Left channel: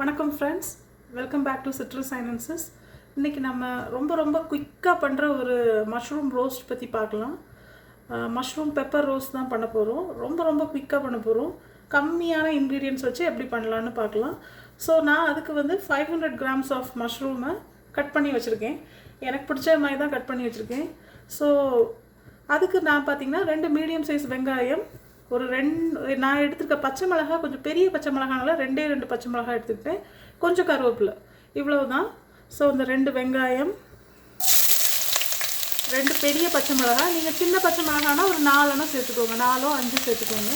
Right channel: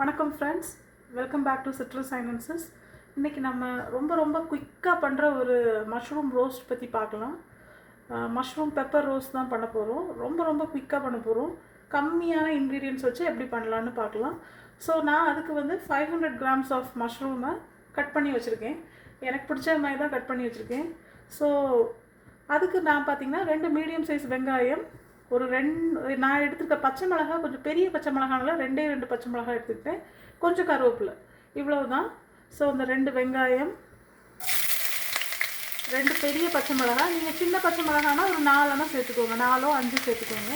வணக்கம் friends, welcome back to citrus silences. இன்றைக்கி நம்ம ரொம்ப குயிக்காக பண்ணுற ஒரு மஷ்ரூம் ரோஸ்ட் பற்றி பார்க்கலாம். மஷ்ரூம் பெப்பர் ரோஸ்ட் தான் பண்ண போகிறோம். ரொம்ப குயிக்காக பண்ண போகிறோம். கம்மியான இன்க்ரீடியன்ட்ஸ் வச்சு எப்படி பண்ணலான்னு பார்க்கலாம். ஸோ நான் அதுக்கு வந்து 500 grams ஆஃப் மஷ்ரூமை கட் பண்ணி வச்சுருக்கேன். எனக்கு பிடிச்ச மாதிரி தான் கட் பண்ணி வச்சுருக்கேன். ஸோ அதுக்கு நான் பார்த்திங்கன்னா 2 மீடியம் சைஸ் வெங்காயம், ஒரு 2 நான் எடுத்துருக்க பச்சை மிளகாய், கொஞ்சம் பெரிய பச்சை மிளகானால 2 பச்சை மிளகாய் எடுத்துக்கிட்டேன், கொஞ்சம் கருவேப்பிலை, இவ்வளவு தான். ஸோ இந்த 2 வெங்காயம், 2 பெரிய பச்சை மிளகாய், நீங்கள் சின்ன பச்சை மிளகானா ஒரு 4 சேர்த்துக்கோங்க, 4 5 சேர்த்துக்கோங்க.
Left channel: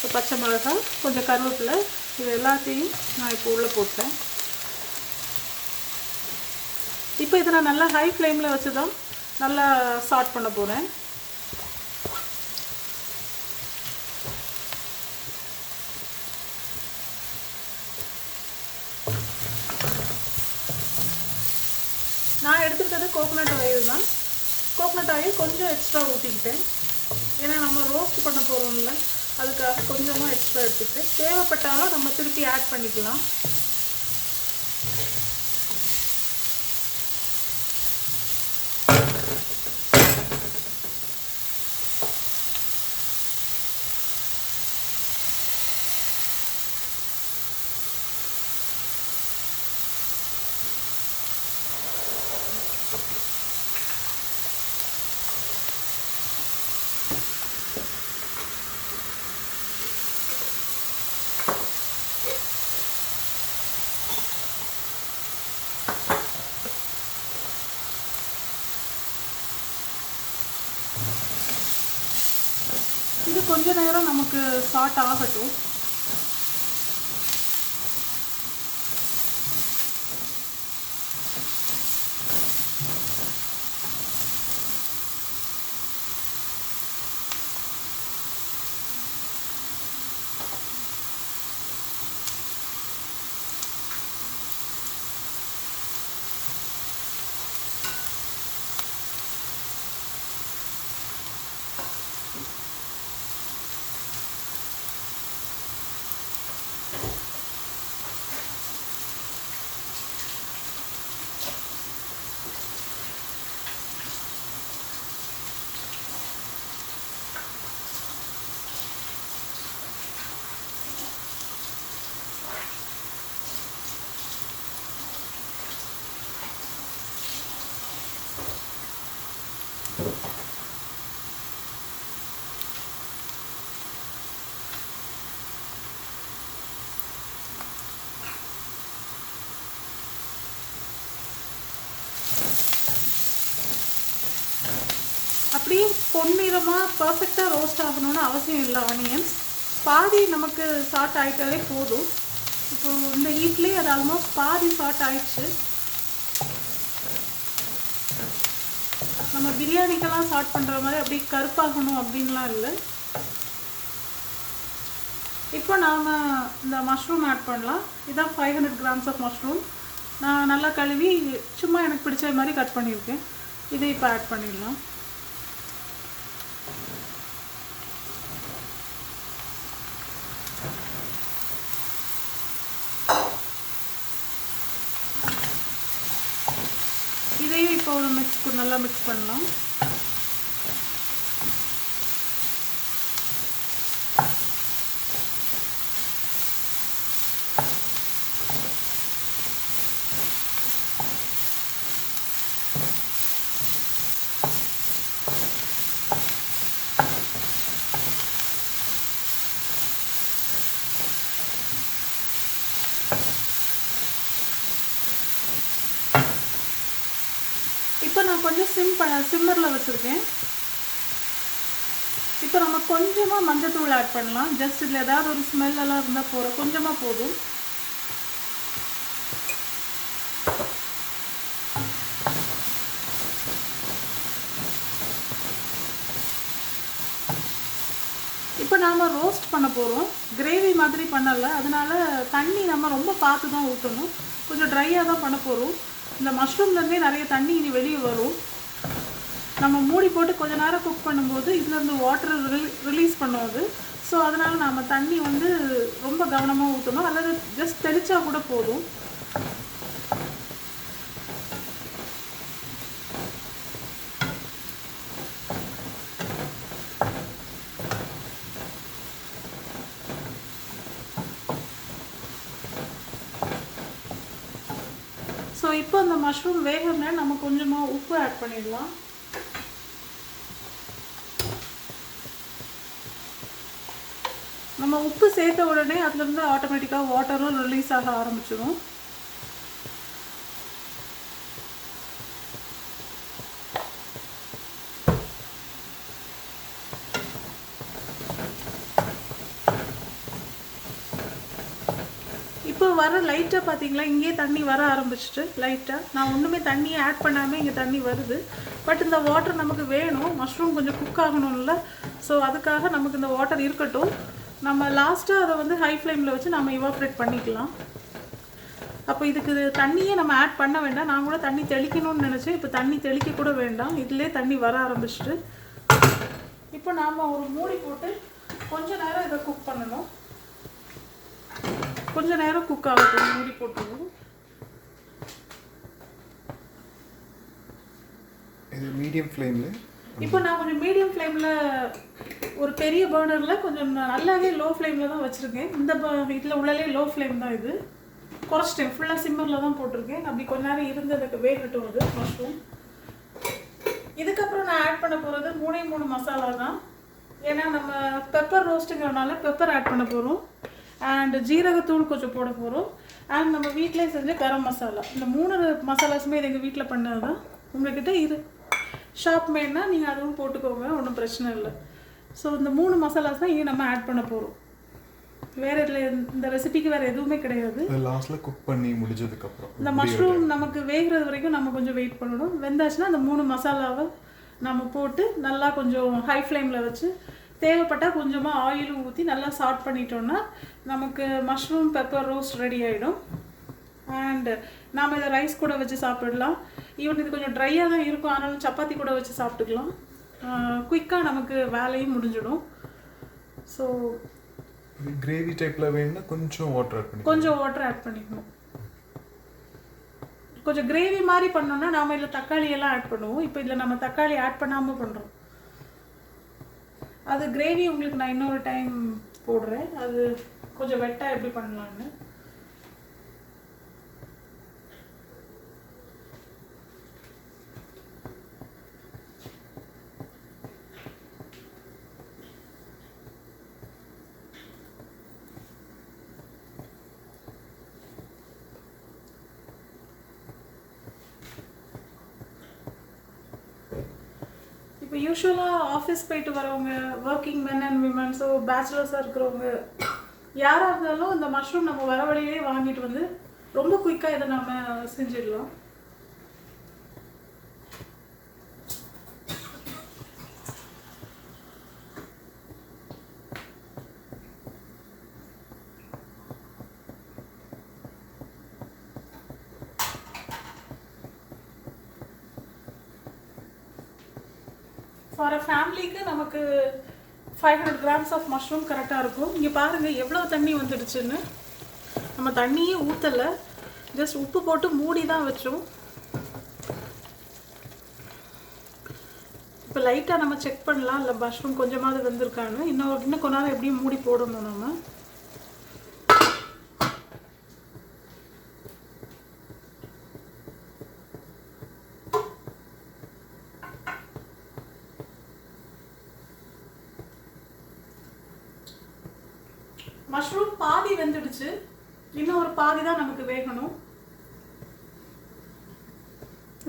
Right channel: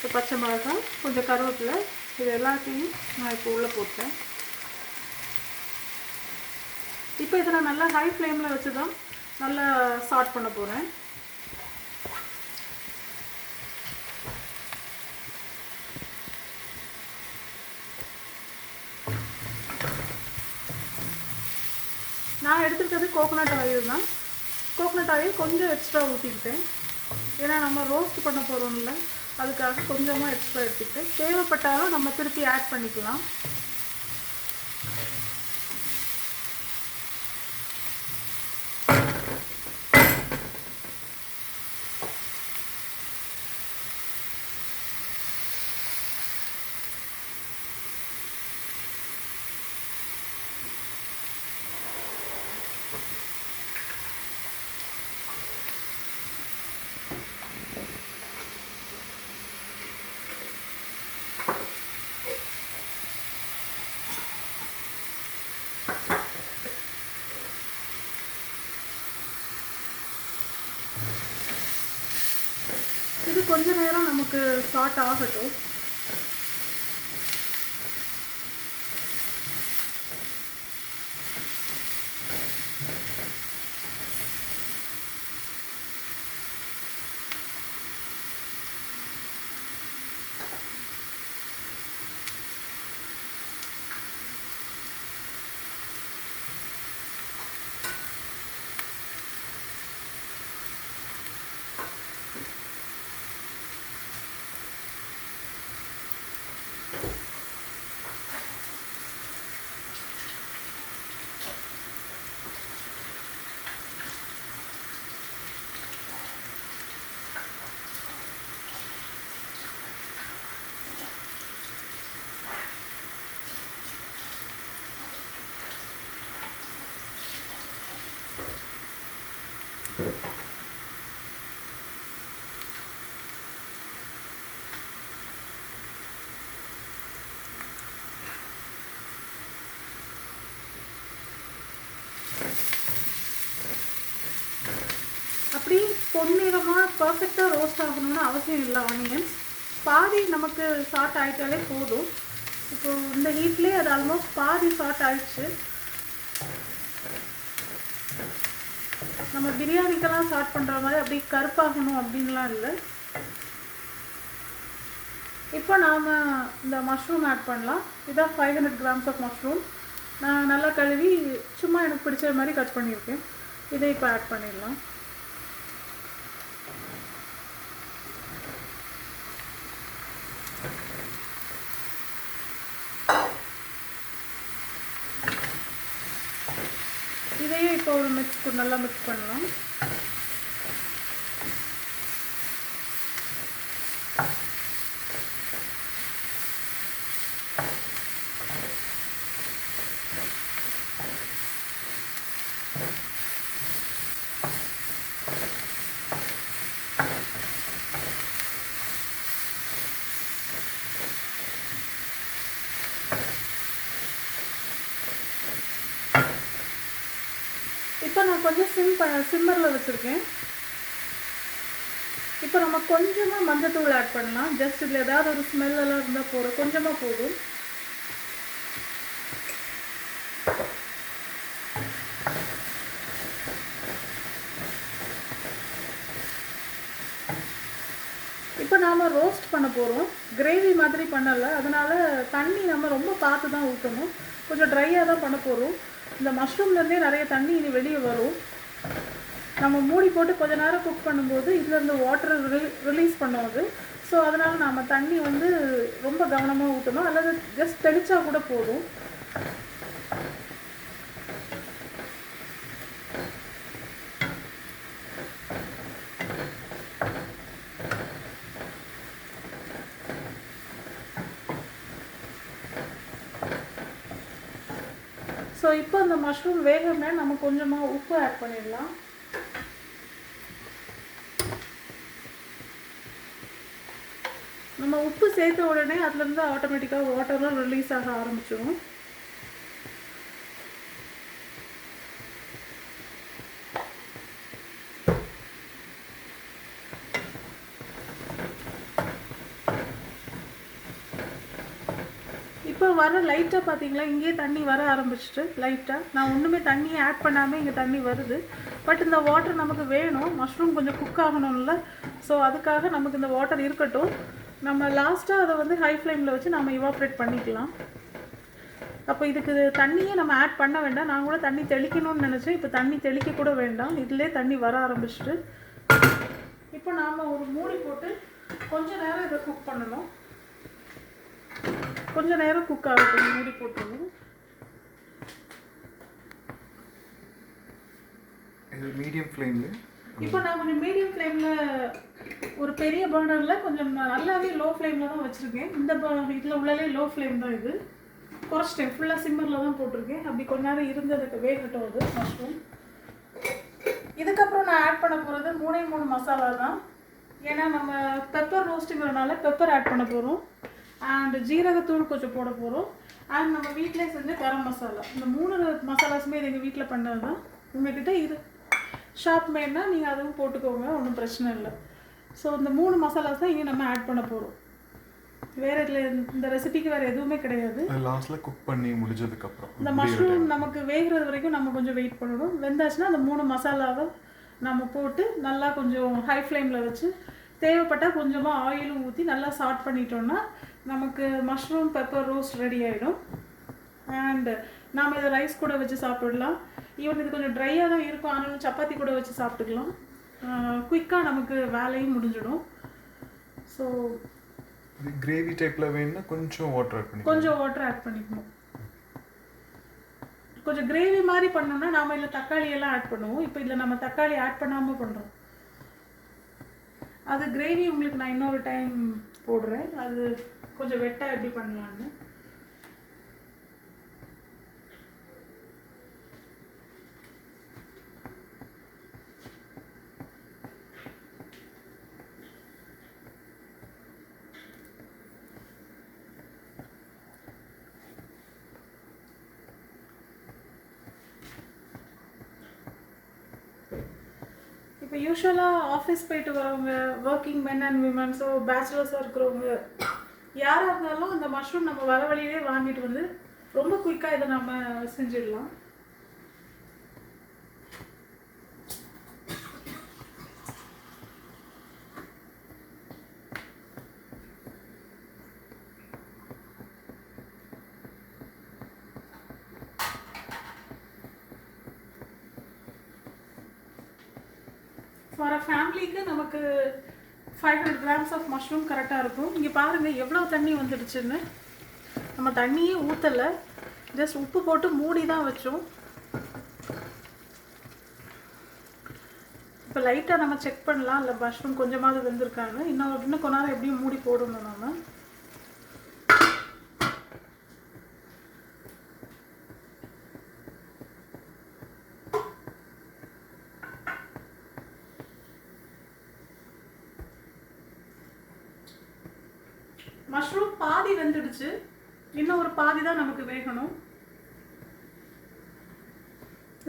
ஸோ பச்சை மிளகாய், கொஞ்சம் கருவேப்பிலை, இது எல்லாத்தையும் நான் இப்போ உள்ளே போட்டேன். இப்போ இதை நான் நல்லா ஹை ஃப்ளேமில் வச்சு தான் நல்லா சாட் பண்ண போகிறேன். நான் எடுத்துக்கிட்டது கோகோனட் ஆயில் தான். கோகோனட் ஆயில் கொஞ்சம் எக்ஸ்ட்ரா ஊற்றிக்கிட்டேன், ஏன்னா நம்ம ரோஸ்ட் பண்ண போகிறோம்ல, அதுக்காக கொஞ்சமாக எக்ஸ்ட்ரா எடுத்துக்கிட்டேன். தேவைப்பட்டாலும் நம்ம திருப்பி ஆட் பண்ணிக்கலாம். இது கொஞ்ச நேரம் நமக்கு சாட் ஆகட்டும். அப்படியே பொன்னிறமாக பர்ஃபெக்டாக ரோஸ்ட் ஆகணும்னு அவசியம் இல்லை. ஆனியன்ஸ் பாதி நமக்கு சாட் ஆகிட்டாலே போதும். இப்போது இந்த ஹீட்லேயே அது ஆல்மோஸ்ட் பாதி சாட் ஆயிடுச்சு. நம்ம பிரியாணிக்கெல்லாம் சாட் பண்ணுற மாதிரி அப்படி கருப்பாகணும் அப்படின்லாம் இல்லை. இப்போ நாம் இந்த மஷ்ரூம் ஆட் பண்ணலாம். இதான் 500 grams ஆஃப் மஷ்ரூம். நான் நல்லா கழுவி சும்மா எனக்கு பிடிச்ச மாதிரி கட் பண்ணியிருக்கேன். இதை இப்போ ஆட் பண்ணிடலாம். இதையும் இப்போ ஒரு நல்லா மிக்ஸ் பண்ணலாம். இப்போ நான் கொஞ்சம் சிம்மரில் வச்சுருக்கேன். இப்போ நம்ம கொஞ்சமாக மஞ்சத்தூள் ஆட் பண்ணலாம். ஜஸ்ட் இதில் ஏதாவது ஒரு ஸ்மெல்லாம் இருந்தால் போதும், கொஞ்சமாக போதும். இப்போ நாம் ரோஸ்ட் பண்ண போகிறோம், கிரேவி மாதிரி பண்ணலை. அதனால் தண்ணி நம்ம ரொம்ப பார்த்து தான் ஊற்றணும். கொஞ்சம் ட்ரையாக தான் பண்ண போகிறோம். இந்த மஷ்ரூம்லேருந்தே நிறைய தண்ணி இனி வெளியே வரும். நம்ம மூடி போட்டு கொஞ்ச நேரம் குக் பண்ணும்போது இதுலேருந்து வாட்டர் ரிலீஸ் பண்ணுவோம். ஸோ அதனால் நம்ம தண்ணி வந்து ரொம்ப கவனமாக ஊற்றணும், அல்லது ஜஸ்ட் தெளித்தா கூட போதும். ஸோ இப்போ அந்த மஷ்ரூம் வேகணும்னா நம்ம கொஞ்சமாக உப்பு ஆட் பண்ணிடலாம். நம்ம உப்பு சேர்த்த உடனே அதுலேருந்து ஆட்டோமேட்டிக்காக வாட்டரும் ரிலீஸ் ஆக ஆரம்பிச்சிடும். இப்போ வர லைட்டாக பார்த்தீங்களா, இங்கே தண்ணி வர ஆரம்பிச்சிட்டு லைட்டாக. நான் ஒன்றுமே தண்ணியை ஆட் பண்ணாமல் இங்கே தண்ணி வருது. பட் இந்த வாட்டர் நமக்கு வேணும், மஷ்ரூம் கொஞ்சம் குக் ஆகணும்ல. ஸோ அதுக்காக நமக்கு இந்த வாட்டர் இருக்கட்டும். நம்ம லாஸ்ட்டாக அதை வந்து ஹை ஃப்ளேமில் வச்சு நம்ம இவாப்ரேட் பண்ணிக்கலாம். அப்போ இதுக்கு தண்ணியே நம்ம ஆட் பண்ண வேண்டாம். நான் கூட தண்ணி தெளிக்கணும்னு நினச்சேன். இப்போ தண்ணி தெளிக்க கூட வேண்டாம், இதிலே தண்ணி வர ஆரம்பிச்சிட்டு. இப்போ நாம் ஒரு மூடி போட்டு கொஞ்சம் நேரம் இதை குக் பண்ணணும். கொஞ்சம் நேரம் குக் ஆகட்டும், மூடி போட்டுருவோம். இது மீடியம் ஃப்ளேமில். இப்போ நான் கொஞ்சம் மீடியம் ஃப்ளேமில் ஒரு பெரிய பர்னரில் கொஞ்சம் நல்லாவே லோ ஃப்ளேமில் தான் வச்சுருக்கேன். இந்த இதில் உள்ளலே லோ ஃப்ளேம் தான். இது குறைச்சிட்டேன், ஃபுல்லாக சிம்மரில் தான் போட்டிருக்கேன். அப்படி கொஞ்ச நேரம் இருந்து எனக்கு வேகட்டும் அது மஷ்ரூம். இதுக்கப்புறம் நான் ஆட் பண்ண போகிறது 3 மசாலா தான். ஏன்னா நம்ம பெப்பர் ரோஸ்ட்டுங்கிறனால பெப்பர் ஆட் பண்ண போகிறோம், அண்ட் ஜீரகத்தூள் கொஞ்சம் போட போகிறோம், அண்ட் நம்ம வீட்டிலே செஞ்ச கரம் மசாலா. இந்த 3 மசாலாஸுமே இது எங்கள் வீட்டில் பண்ணது தான். உங்கள்கிட்ட இது ஷாப் மேட்னா நீங்கள் அதுவும் போட்டுக்கோங்க, ஒன்றும் பிரச்சனை இல்லை. ஸோ இந்த 3 மசாலாஸ் தான் இங்கே நம்ம ஆட் பண்ண போகிறோம். வேறு இதில் இந்த ரெசிபிக்கு வேறு எதுவுமே கிடையாது. லாஸ்ட்டில் குக் பண்ணி முடிஞ்சதுக்கப்புறம் இந்த மஷ்ரூம் நமக்கு வேகிறது வரைக்கும் நம்ம கொஞ்சம் வெயிட் பண்ணணும். வெந்தாச்சுன்னா அந்த 3 மசாலாவை நம்ம போட்டு நல்லா கொஞ்சம் ஹை ஃப்ளேமில் வச்சு தேவைப்பட்டால் கொஞ்சமாக ஆயிலும் ஊற்றி நல்லா சாட் பண்ணிட்டோன்னா நமக்கு மஷ்ரூம் பெப்பர் ரோஸ்ட் ரெடி ஆகிடும். அண்டு நாம் இதை ரைஸ் கூட வச்சு சாப்பிடலாம். ஈவன் இது கொஞ்சம் ட்ரையாக தான் இருக்கும், ஆனாலும் சப்பாத்தி கூட வச்சு சாப்பிட்டுக்கலாம். குயிக்காக நமக்கு வேலையும் முடிஞ்சிடும். ஸோ கிரேவி டைப்பில் வேணும்னா கொஞ்சம் வாட்டர் ஆட் பண்ணிக்கணும். கொஞ்சம் கிரேவி மாதிரி பண்ணோம்னா நாம் இதில் தக்காளி எல்லாம் ஆட் பண்ணுவோம். இப்போ இதில் நம்ம தக்காளி ஆட் பண்ணாமல் பண்ணுறோம். அது கிரேவி உங்களுக்கு நான் இன்னொரு டைம் போடுறேன், அது கொஞ்சம் வெட்டாக எப்படி பண்ணலான்னு. இப்போ யூஸ்வலாக ஆஃபீஸ் போயிட்டு வரவங்க, working men and women, so பேச்சுலர்ஸாக இருக்கிறவங்க யாராக இருந்தாலும் இந்த மஷ்ரூம் நம்ம வர வழியிலே வாங்கிட்டு வந்து ரொம்ப குயிக்காக இதை நம்ம செஞ்சிடலாம். ஃபார் அ ஃபேமிலிக்கு நமக்கு 500 grams ஆஃப் மஷ்ரூம் கரெக்டாக இருக்கும். இங்கே பாருங்கள் எவ்வளோ தண்ணி வந்துடுச்சுன்னு. நம்ம தண்ணியே ஊற்றலை, ஜஸ்ட் உப்பு போட்டு மூடி தான் வச்சோம். இப்போ லைட்டாக நம்ம செக் பண்ணலாம், இல்லை மஷ்ரூம் கொஞ்சமாவது வெந்திருக்கான்னு. இன்னும் கொஞ்ச நேரம் எப்படியும் மூடி போடணும் நம்ம. மஷ்ரூம் பாதி வெந்துடுச்சு, இன்னும் ஒரு பாதி தான் நமக்கு வேகணும்.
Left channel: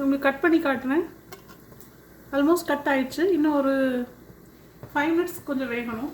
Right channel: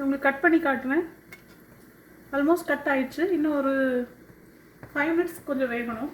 உங்களுக்கு கட் பண்ணி காட்டுறேன். ஆல்மோஸ்ட் கட் ஆயிடுச்சு. இன்னும் ஒரு 5 minutes கொஞ்சம் வேகணும்.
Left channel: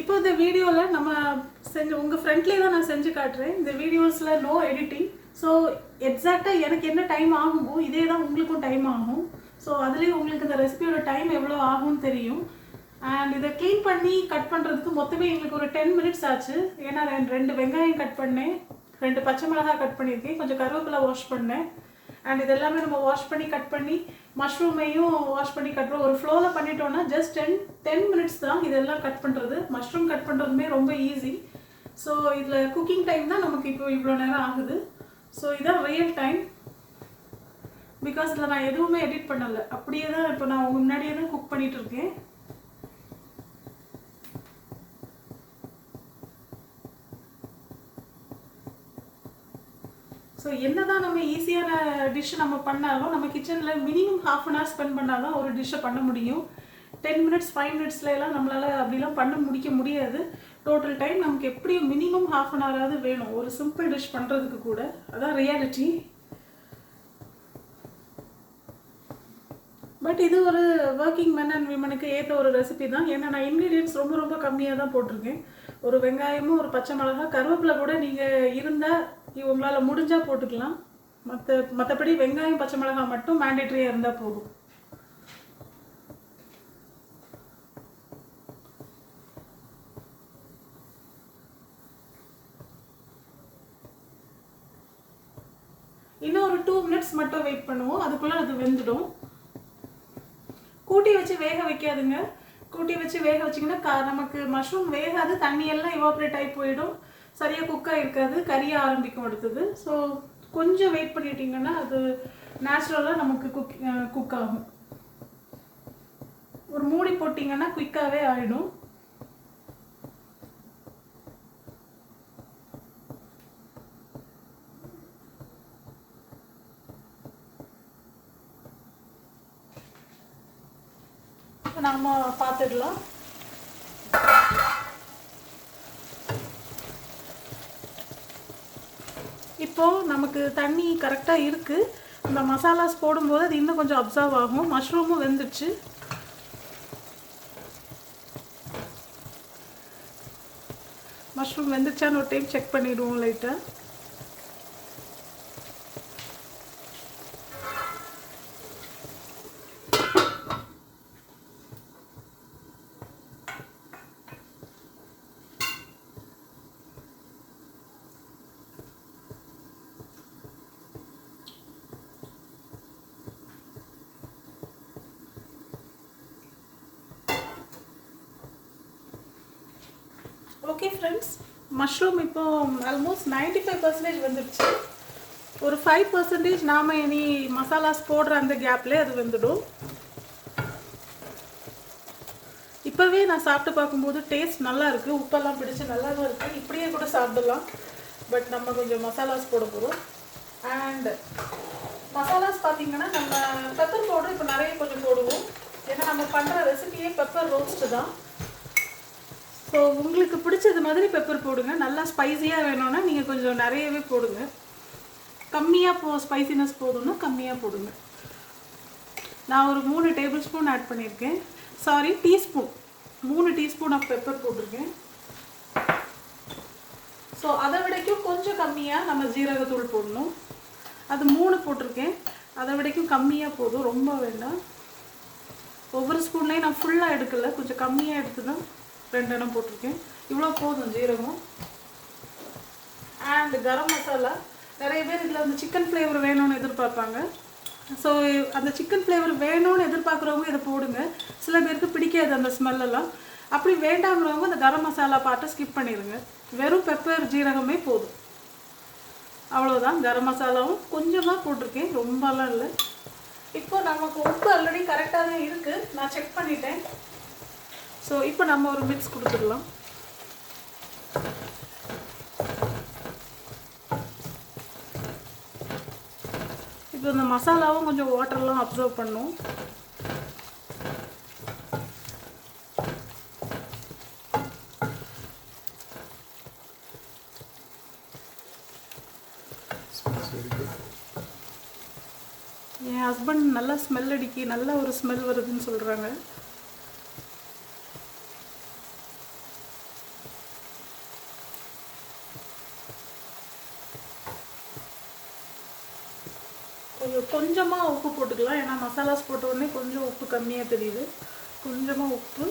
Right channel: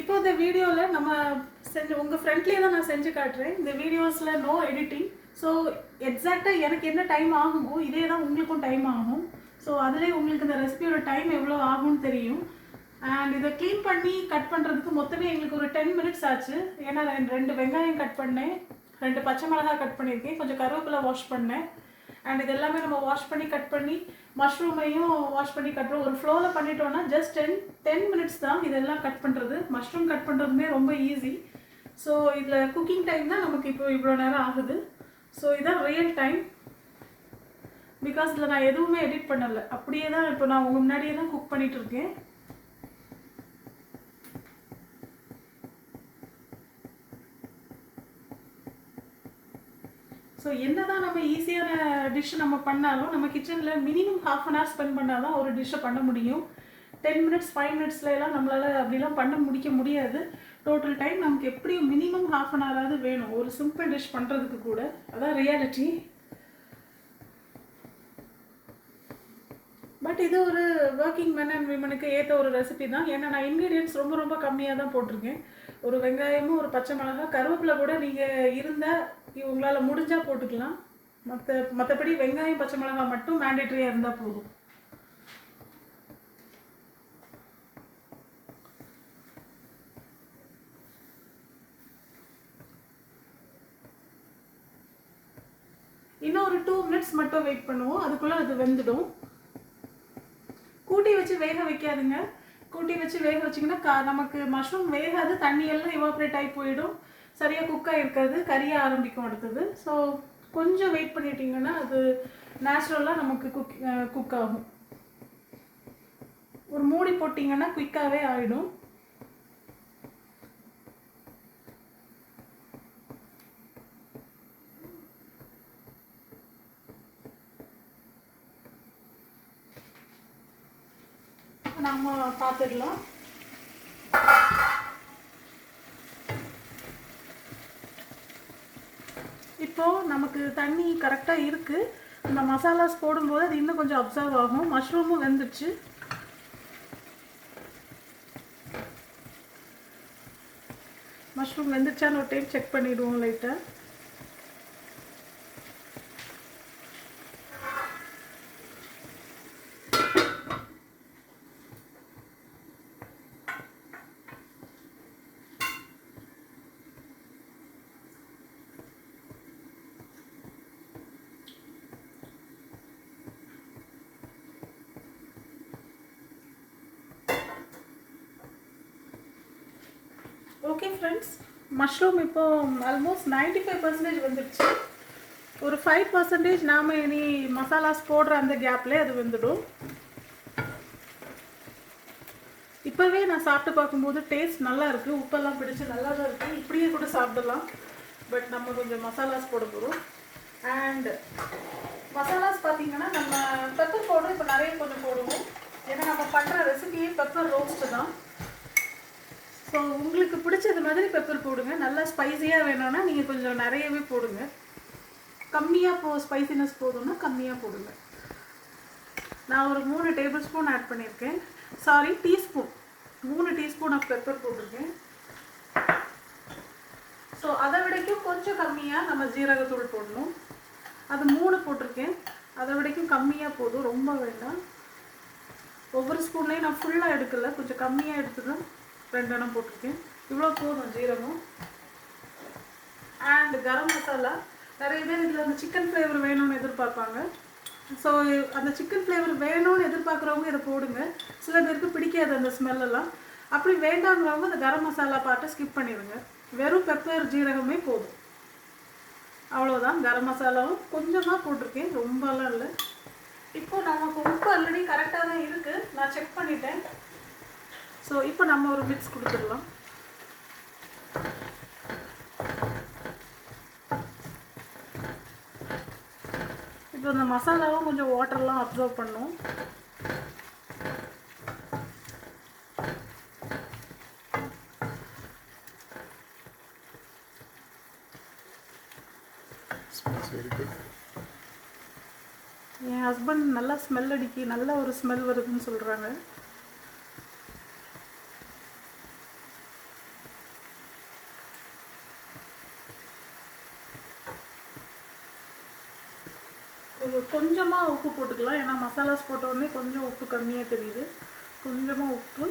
இப்போ இந்த வீடியோவில் நம்ம செஞ்சு உங்கள் ஃப்ரெண்ட்லேயே தான் நான் செஞ்சு காட்டுறேன். இந்த வீடியோஸில் நோ எடிட்டிங். ஸோ எக்ஸாக்டாக எனக்கு என்ன டைம் ஆகுமோ இதே தான் உங்களுக்கும் டைம் ஆகும். ஸோ அதுலேயே உங்களுக்கு இந்த ரெசிபியோட டைம் எவ்வளோ ஆகும்னு தெரியும். அண்ட் இதை க்ளீன் பண்ணி கட் பண்ணுறதுக்கு மொத்தமே எங்களுக்கு ஒரு 10 மினிட்ஸ் ஆச்சு. ஏன்னா 2 வெங்காயம் கட் பண்ணேன், 2 பச்சை மிளகாய் கட் பண்ணியிருக்கேன், கொஞ்சம் கருவேப்பிலை வாஷ் பண்ணேன். அண்ட் இது எல்லாமே நம்ம வாஷ் பண்ணி கட் பண்ணி மஷ்ரூமையும் வாஷ் பண்ணி கட் பண்ணி ஒரு ஃப்ளோவில் பண்ணிட்டோன்னா ஜஸ்ட் 10 மினிட்ஸ் தான் இதெல்லாம் கட் பண்ணுறது. மஷ்ரூம் கட் பண்ணுறதுமே ரொம்ப ஈஸி. ஸோ இதில் குக்கிங் டைம் தான் நமக்கு இப்போ இவ்வளோ நேரம் ஆகுது. ஸோ இதான் ரியல் டைம். பிகாஸ் இதில் நான் எதுவுமே எடிட் பண்ணலை, அப்படியே தான் இப்போ நான் உங்கள் முன்னாடியே தான் குக் பண்ணிகிட்டு இருக்கேன். ஸோ என்ன தான் நம்ம ஈஸியான டிஷ் நம்ம பண்ணாலும் நம்ம கிச்சனில் மினிமம் ½ அன் ஹவர் ஸ்பெண்ட் பண்ணால் தான் ஒரு டிஷ்ஷை பண்ண முடியும். 10 மினிட்ஸ் 5 மினிட்ஸ்லாம் நம்மளால் அப்படிலாம் பண்ண முடிக்க முடியாது. டோட்டல் டைம் நமக்கு எப்படியும் மினிமம் ½ அன் ஹவராவது வேணும் ஒரு சிம்பிள் டிஷ் பண்ணுறதுக்கு கூட. அதான் ரியாலிட்டி. பட் இது ஒரு ஒர்க்கிங் மென் அண்ட் விமனுக்கு ஏற்ற ஒரு ரெசிபி தான். ஏன்னா நான் இன்க்ரீடியன்ட்ஸ் ரொம்ப ரொம்ப கம்மியாக தான் போட்டிருக்கேன். ஒரு வெங்காயமும் ஒரு பச்சை மிளகாய் கருவேப்பிலை கூட நீங்கள் இருந்தால் உங்களால் முடிஞ்சால் போட்டுக்கலாம். மற்றபடி வெங்காயம் பச்சை மிளகாய் மட்டும் மேண்டேட்ரியாக இருந்தால் போதும். இன்னும் ஒரு 2 மினிட்ஸ் மட்டும் வெயிட் பண்ணுவோம், அதுக்குள்ளே அது வெந்துடும். கூட்டி வச்சு வேக வைக்காதுங்க. கூட்டி வச்சு வேக வச்சிங்கன்னா நமக்கு மஷ்ரூம் வேகாது, தண்ணியெல்லாம் எவாப்ரேட் ஆகி போயிடும், சரியாக குக்காக இருக்காது, கறிய ஆரம்பிக்கும் அடுத்தது. ஸோ கொஞ்சம் வெயிட் பண்ணிட்டீங்கன்னா அது நேச்சுரலாக நமக்கு குக் ஆகும். ஒரு மூடி போட்டிங்கன்னா குயிக்காகவே ஆகிடும். நம்ம பார்த்துடலாம். இப்போது நமக்கு தண்ணி கரெக்டாக இருக்குது. நம்ம மசாலாஸ் போடும்போது அது இன்னும் கொஞ்சம் அப்சர்வ் ஆகும். மஷ்ரூமும் வெந்துடுச்சு. மஷ்ரூம் வெந்துச்சான்னு ஒரு டைம் செக் பண்ணிவிடுவோம் லைட்டாக. ஓகே ஃப்ரெண்ட்ஸ், மஷ்ரூம் இப்போ ஆல்மோஸ்ட் 95% வந்துடுச்சு. ஒரு 5% நாம் இனி மசாலாஸ் போடுற அந்த கேப்லேயே அது வந்துடும். இப்போவே நான் சாப்பிட்டு பார்க்கும்போது டேஸ்ட் நல்லா இருக்குது, உப்பெல்லாம் பிடிச்சி நல்லா தான் இருக்குது. இப்படியே கூட சாப்பிடலாம். பட் நம்ம கொஞ்சம் மசாலாஸ் போட போகிறோம். அண்ட் மசாலாஸ் பார்த்திங்கன்னா நம்ம பெப்பர் பவுடர் இப்போ நிறைய கொஞ்சம் போடுவோம். ஏன்னா நம்ம பண்ணுற ரெசிபியே பெப்பர் ரோஸ்ட்டு தான். ஸோ உங்களுக்கு பிடிச்சது மாதிரி பெப்பர் போடுங்க. நல்லா ஸ்பைஸியாக வேணும்னா நீங்கள் கொஞ்சம் நிறையவே போடுங்க. கம்மியாக ஸ்பைசினஸ் போதும்னா கம்மியாக போடுங்க. நான் ஒரு 3 டேபிள் ஸ்பூன் ஆட் பண்ணியிருக்கேன். Sorry, teaspoon. 3 teaspoon of pepper போட்டிருக்கேன். ஸோ அதை விடைக்கும் கொஞ்சம் கம்மியாக நம்ம ஜீரகத்தூள் போடணும். அது 3 போட்டிருக்கேன். அதை விடைக்கும் கம்மியாக போதும், ரொம்ப வேண்டாம். ஒவ்வொரு ஸ்பூன்லேயும் நான் ஃபுல்லாக எடுக்கலை, கொஞ்சம் கம்மியாக எடுத்து தான் 2 எண்ணம் போட்டிருக்கேன். இவ்வளோ போதும் ஜீரகம். அண்ட் கரம் மசாலா. நிறைய பேர் இதில் அந்த சிக்கன் ஃப்ளேவர் வேணும்னு எதிர்பார்ப்பாங்க. ஸோ அந்த சிக்கன் ஃப்ளேவர் வேணும்னு எதிர்பார்க்குறவங்க இதை போடுங்க. சில பேருக்கு பிடிக்காது அந்த ஸ்மெல்லெல்லாம். அப்படி வேண்டாம்ன்றவங்க அந்த கரம் மசாலா பார்ட்டை ஸ்கிப் பண்ணிடுங்க. வெறும் பெப்பர் ஜீரகமே போதும். அவ்வளோதான். கரம் மசாலாவும் கொஞ்சமாக போட்டிருக்கேன், ரொம்பலாம் இல்லை. இப்போ நமக்கு உப்பு ஆல்ரெடி கரெக்டாக தான் இருக்குது, நான் செக் பண்ணிட்டேன். ஸோ இப்போ நம்ம ஒரு மிக்ஸ் கொடுத்துடலாம். இப்போ இந்த மசாலாவும் கொஞ்சம் வாட்டர்லாம் அப்சர்வ் பண்ணும். என் ஹஸ்பண்ட் நல்லா ஸ்மெல் அடிக்கி, நல்லா ஒரு ஸ்மெல் வருதுன்னு சொல்கிறாங்க. கொஞ்சமாக உப்பு போட்டுக்கலாம், ஏன்னா மசாலாஸ் போட்ட உடனே கொஞ்சம் உப்பு கம்மியாக தெரியுது. கொஞ்சமாக உப்பு,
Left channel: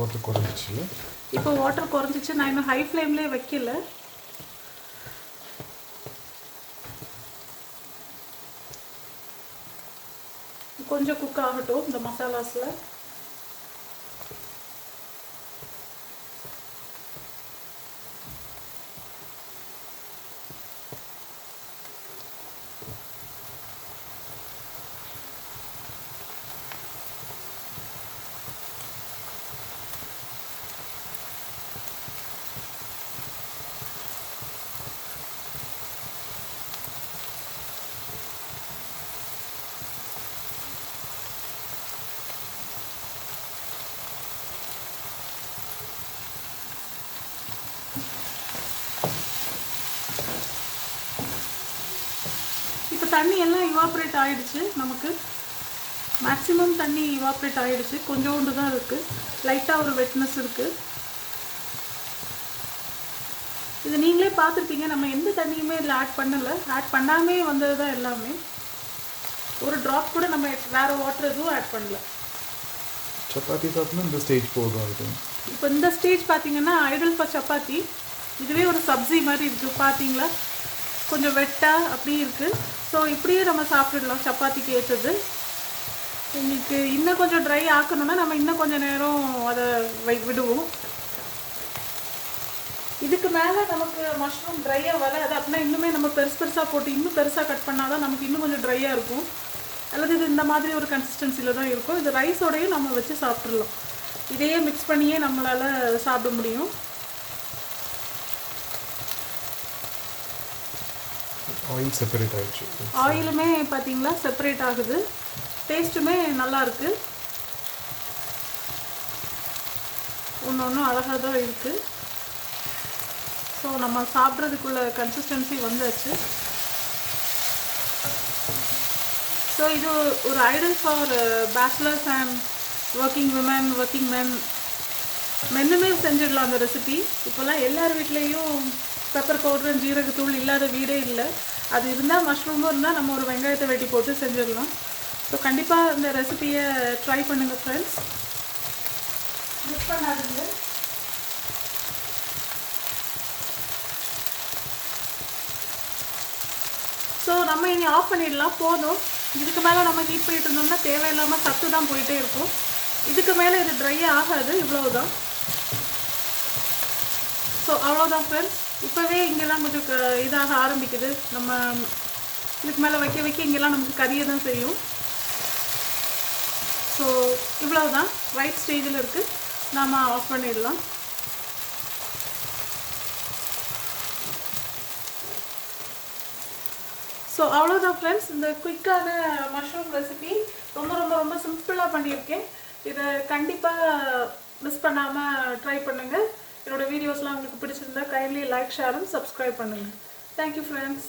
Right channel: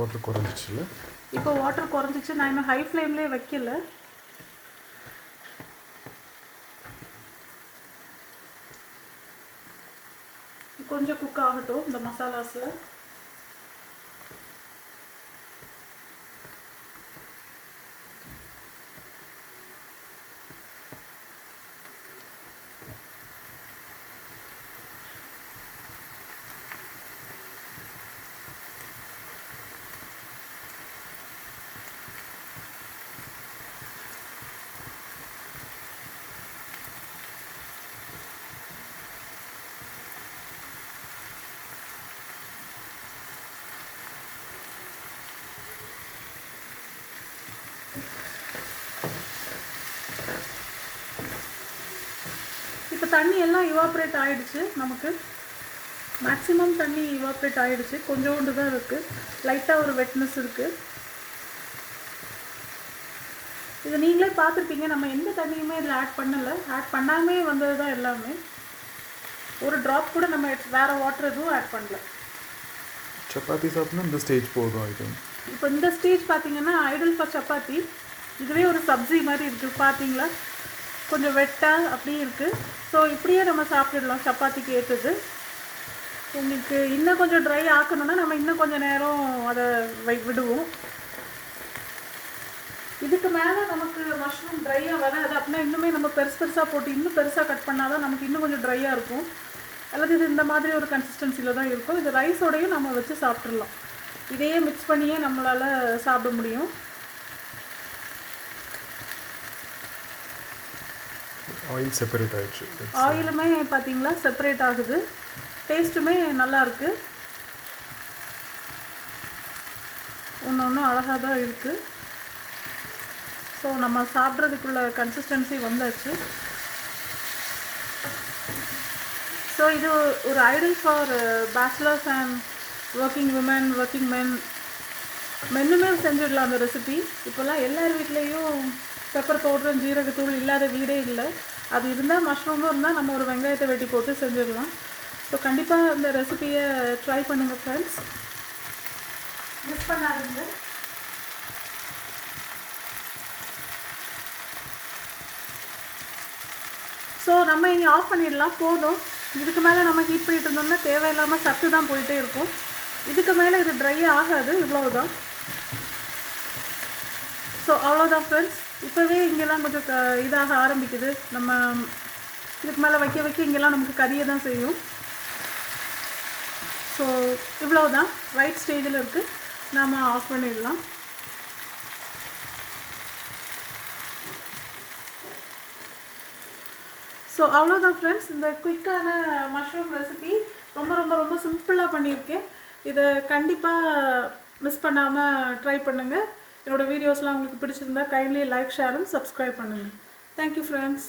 வாட்டர் குறைஞ்சிச்சு. இப்போ வாட்டர் குறைஞ்சிச்சு. நான் இன்னும் ஹை ஃப்ளேம்லேயே வைக்கல. கொஞ்சம் குக் ஆகட்டும் இந்த மசாலாஸில். இப்போ தண்ணி எல்லாம் இவாப்ரேட் ஆகிடுச்சு. நமக்கு மேக்ஸிமம் தண்ணி இவாப்ரேட் ஆகிடுச்சு. கொஞ்சோண்டு தான் இருக்குது, லைட்டாக ஒரு வெட்னஸ் இருக்குது. இது நீங்களே பார்த்துருப்பீங்க, நம்ம எந்த தண்ணியுமே இதில் ஆட் பண்ணலை. ஆட் பண்ணாமே வந்தது தான் எல்லாமே. ஒரு ட்ராப் கூட நம்ம வேறு வாட்டர் எதுவும் ஆட் பண்ணல. சப்பாத்தி சாப்பிட்னா இந்த ஸ்டேஜ் போதும். இது இப்போ இந்த ஸ்டேஜ் பார்த்தீங்கன்னா ஐடல் ஃபார் சப்பாத்தி. இதுவே ஒரு சப்ஜி மாதிரி இருக்குது பார்த்தீங்களா, கொஞ்சம் வெட்டாக அப்படி இருக்குது. ஸோ இப்படியே நம்ம சாப்பிடலாம், சப்பாத்திக்கு ஏற்றது. இன்னைக்கு இன்னும் கொஞ்சம் ட்ரை ஆக்கணும்னா நம்ம இன்னும் கொஞ்சம் நேரம் அதை விடுவோம். இதுக்கு மேலே நமக்கு மஷ்ரூம் ட்ரையாக வராது அப்படின்னா இன்னுமே நம்ம பெருசாக போட்டு இன்னும் பெருசாக கட் பண்ணால் தான் நமக்கு இன்னும் கொஞ்சம் ட்ரையாக இருக்கும். அல்லது இது இந்த மாதிரி ஒரு கன்சிஸ்டன்சியில் தான் இருக்கும். இது ரைஸோடையும் நம்ம வச்சு சாப்பிட்றலாம். இதையே மிக்ஸ் பண்ணியே நம்மளால் சாப்பிட முடியும். ஆயில் செப்பரேட் ஆகிடுச்சு. ஆயிலுமே பார்த்தீங்களா செப்பரேட் ஆகுது. டேஸ்ட்டுமே நல்லாயிருக்கு. ஒன்று ஒன்றும் அழகாக தான் இருக்குது. ஸோ நம்ம சாப்பிட்றதுக்குள்ள கன்சிஸ்டன்சி வந்தாச்சு. ஸோ இது ஒரு ideal for bachelors and working women, working men, மென்னுமே செஞ்சிடலாம் அந்த ரெசிபி. இப்போல்லாம் எல்லார் வீட்லேயும் பெப்பர் பவுடர், ஜீரகத்தூள் இல்லாத வீடே இல்லை. அது இருந்தால், மஷ்ரூமும் இருந்தால் நம்ம ஒரு வெங்காயத்தை வெட்டி போட்டு செஞ்சிடலாம். ஸோ கண்டிப்பாக இந்த ரெசிபியை ட்ரை பண்ணுங்கள் ஃப்ரெண்ட்ஸ், மிஸ் பண்ணாதீங்க. ஸோ நம்ம இங்கே ஆஃப் பண்ணிடலாம், போதும். இதுக்கு மேலே நம்ம ஹீட் பண்ணிட்டு இருந்தோம்னா தேவையில்லாமல் சத்து தான் போயிட்டே இருக்கும். இதுக்கு மேலே இது ட்ரை ஆகாது, இவ்வளவுதான். ஸோ அவ்வளோதான் ஃப்ரெண்ட்ஸ். இப்போவே இங்கெல்லாம் கொஞ்சம் இதாக ஆரம்பிக்குது. நம்ம இதுக்கு மேலே வைக்க வைக்க இங்கெல்லாம் நமக்கு கறியை தான் செய்யும். ஸோ இவ்வளோதான், ரைட் ஸ்டேஜில் இருக்குது. நாம் ஆஃப் பண்ணிடலாம். ஸோ அவ்வளோதான் ஃப்ரெண்ட்ஸ், இந்த குயிக்கான மஷ்ரூம் ரெசிபி ரொம்ப ரொம்ப ரொம்ப சிம்பிளாக பண்ணியிருக்கேன். இதை கண்டிப்பாக மிஸ் பண்ணாமல் ட்ரை பண்ணுங்கள். என்னோடய வீடியோஸ்லாம் உங்களுக்கு பிடிச்சிருந்தா kindly like, share and subscribe பண்ணுங்கள். Thank you friends.